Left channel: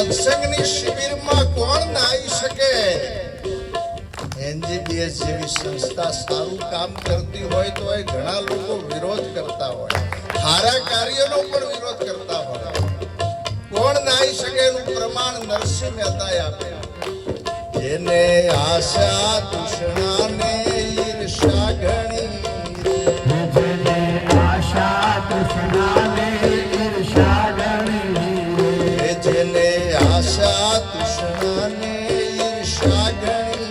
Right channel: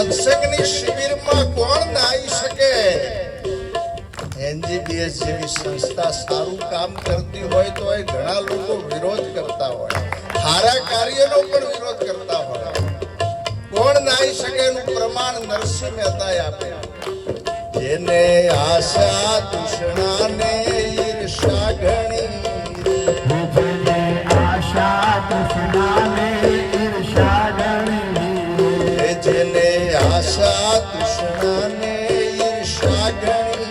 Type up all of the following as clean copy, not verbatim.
સત્સંગની શિબિરમાં કોણ ના આવી શકે? એનજીબીએસ જેવી સંસ્થા સારું કામ કરતી હોય તો એ ઘણા લોકો વિરોધ કરતા હોય, સારા કાર્યનો પણ વિરોધ કરતા હોય. કોણ ના આવી શકે એનું પ્રમાણ નરસિંહ મહેતાએ આપ્યું. જેને આશા તૃષ્ણાને ઈર્ષા ઘણી, આશા તૃષ્ણાને ઈર્ષા ઘણી, જેને આશા તૃષ્ણાને ઈર્ષા ઘણી,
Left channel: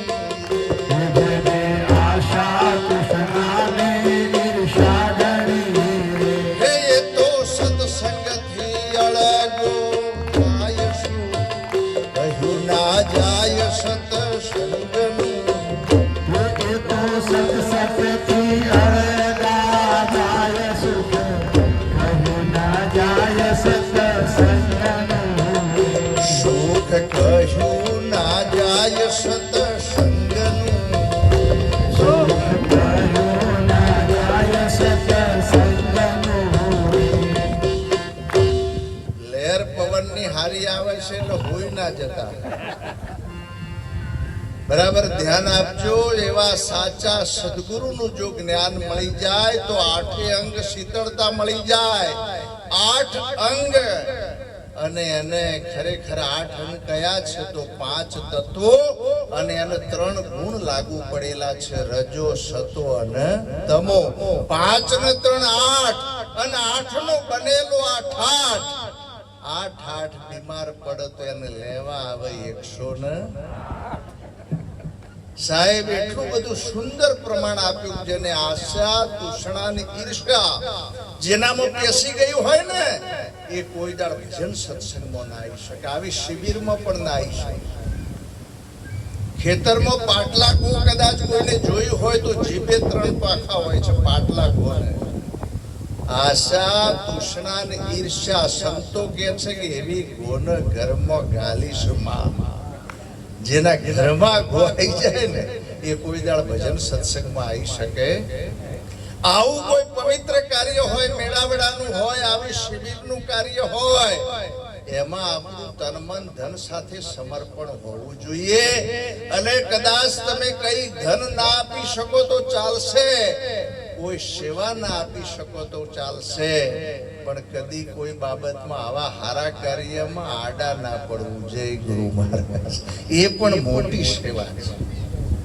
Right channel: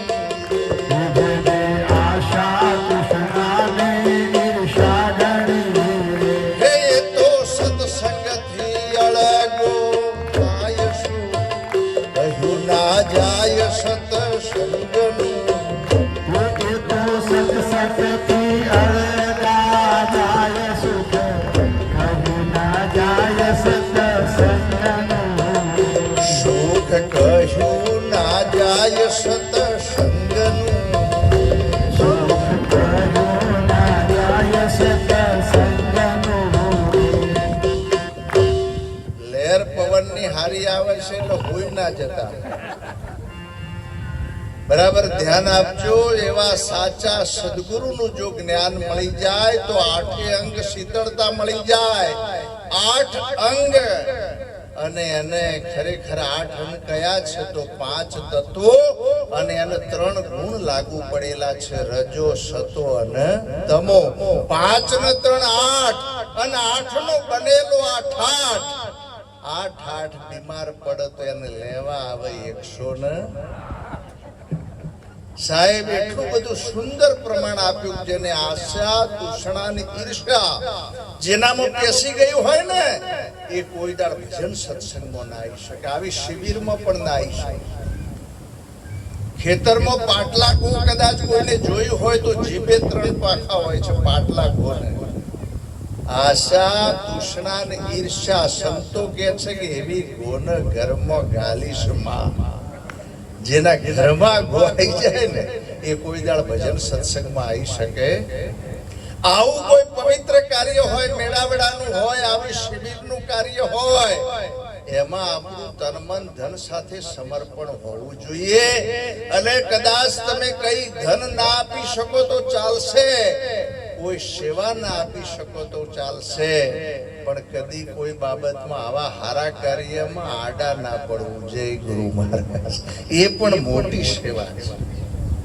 આશા તૃષ્ણાને ઈર્ષા ઘણી. હે એ તો સત્સંગથી અળગો થાય શું, કહ્યું ના જાય સત્સંગનું. એ તો સત્સંગથી અળગા જાય સુખ, કહ્યું ના જાય સત્સંગનું. સુખ કહ્યું ના જાય સત્સંગનું. સુખ કહ્યું ના જાય સત્સંગનું. લહેર પવનની હારી આવે છે એટલે હોઈ ના જતા. બરાબર ધ્યાન આપજો. એવા સાચા સદગુરુનું જો જ્ઞાન મળી જાય તો આઠે અંગ શીતળતા મળી જાય. 8 અંગ અને એને ખરેખર 8 અંગ કયા છે તો 5 તત્વો અને એને 3 ગુણ લાગુ પડેલા છે, રજો, સતો અને તમો. 5 ને 3 8 અને 8 નો બનેલો 8 બીમાર પડે તો એને લેવા આવે 100 ને. સાહેબ એટલું બધું સુંદર પ્રમાણ આપ્યું. જેને આશા તૃષ્ણાની ઈર્ષા જેનામાં પેસી ગયું હોય ને એ કોઈ દાડ ભજન સત્સંગમાં ના આવી શકે, આવી શિબિરમાં પણ ના આવી શકે. ખેતરમાં પાટલા કો કદાચ કોઈને જોયું હોય તો જીભે 3 પાખા હોય છે પાટલા કોને. આશા તૃષ્ણા ને ઈર્ષા સંતો કે છે કે એવી ગોન ઘરમાં ગાલીશ માં. જેના ઘરમાં ગોવાઈ જાય ને એ કોઈ દાડ ભજન સત્સંગમાં આવી શકે. આવું કોઈ પવિત્ર કાર્ય હોય, મેળાવડાનું હોય, આવી શિબિરનું કાર્ય હોય, એમાં આપણું તન મન ધન સાથે સમર્પણ હોવું જોઈએ. અને કદાચ તમે કઈ ધન ના આપી શકો તો ચાલશે, કોઈ સેવા ના આપી શકો તો ચાલશે, પણ કદી કોઈ બાબતમાં આવા હારા કાર્યમાં આડા ના પડવું જોઈએ. ગુરુ મહારાજ એ પણ મોટી સેવા છે.